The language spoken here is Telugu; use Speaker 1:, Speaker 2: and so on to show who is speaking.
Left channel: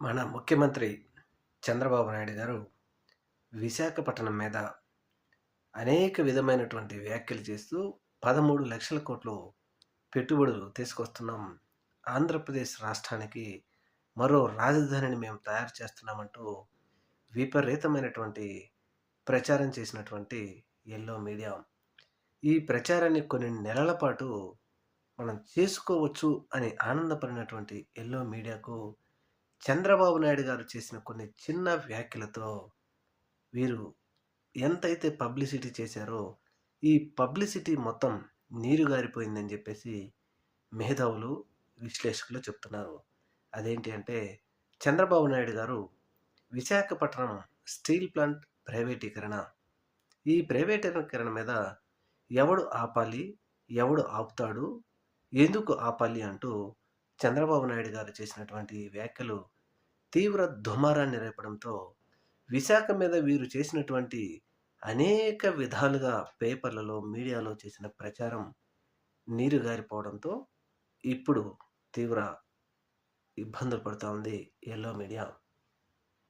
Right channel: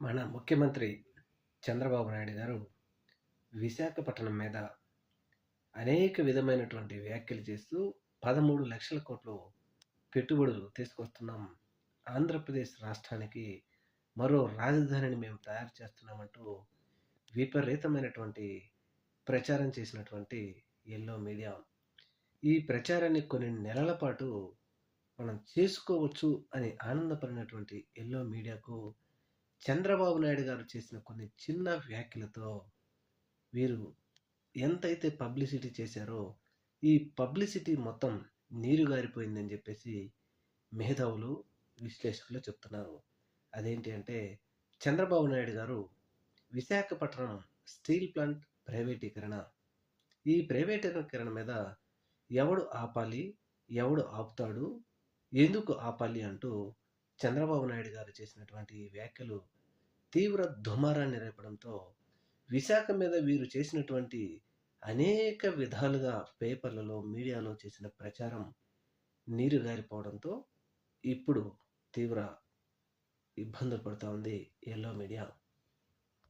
Speaker 1: మన ముఖ్యమంత్రి చంద్రబాబు నాయుడు గారు విశాఖపట్నం మీద అనేక విధమైనటువంటి వ్యాఖ్యలు చేస్తూ పదమూడు లక్షల కోట్లు పెట్టుబడులు తీసుకొస్తున్నాం. ఆంధ్రప్రదేశ్ రాష్ట్రానికి మరో రాజధానిని మేము తయారు చేస్తున్నామంటూ విపరీతమైనటువంటి ప్రచారం చేసినటువంటి ఎల్లో మీడియా. ఈ ప్రచారాన్ని కొన్ని నెలల పాటు మనం చేసుకోవచ్చు అని ఆనందపడినటువంటి ఎల్లో మీడియాకు చంద్రబాబు నాయుడు గారు చేసిన కొన్ని చిన్న వ్యాఖ్యలతో వీరు ఎంతైతే పబ్లిసిటీ చేశారో ఈ పబ్లిసిటీ మొత్తం నీరు గారిపోయిందని చెప్పేసి మేధావులు విశ్లేషకులు చెప్తున్నారు. అదేంటి అంటే చంద్రబాబు నాయుడు గారు విశాఖపట్నం స్టీల్ ప్లాంట్ ప్రైవేటీకరణ. ఈ ప్రైవేటీకరణ మీద ఎవడు ఆపాలి ఎవడు ఆపుతాడు ఎందుకు ఆపాలి అంటూ చంద్రబాబు నాయుడు గారు చేసినటువంటి వ్యాఖ్యలు తీవ్ర దుమారాన్ని రేపడంతో విశాఖ మీద వీరు చేసినటువంటి అనేక విధాలుగా పేపర్లలో మీడియాలో చేసిన ప్రచారం నీరు గారిపోవడంతో ఇప్పుడు తీవ్ర ఇబ్బందులు పడుతూ ఉంది ఎల్లో మీడియా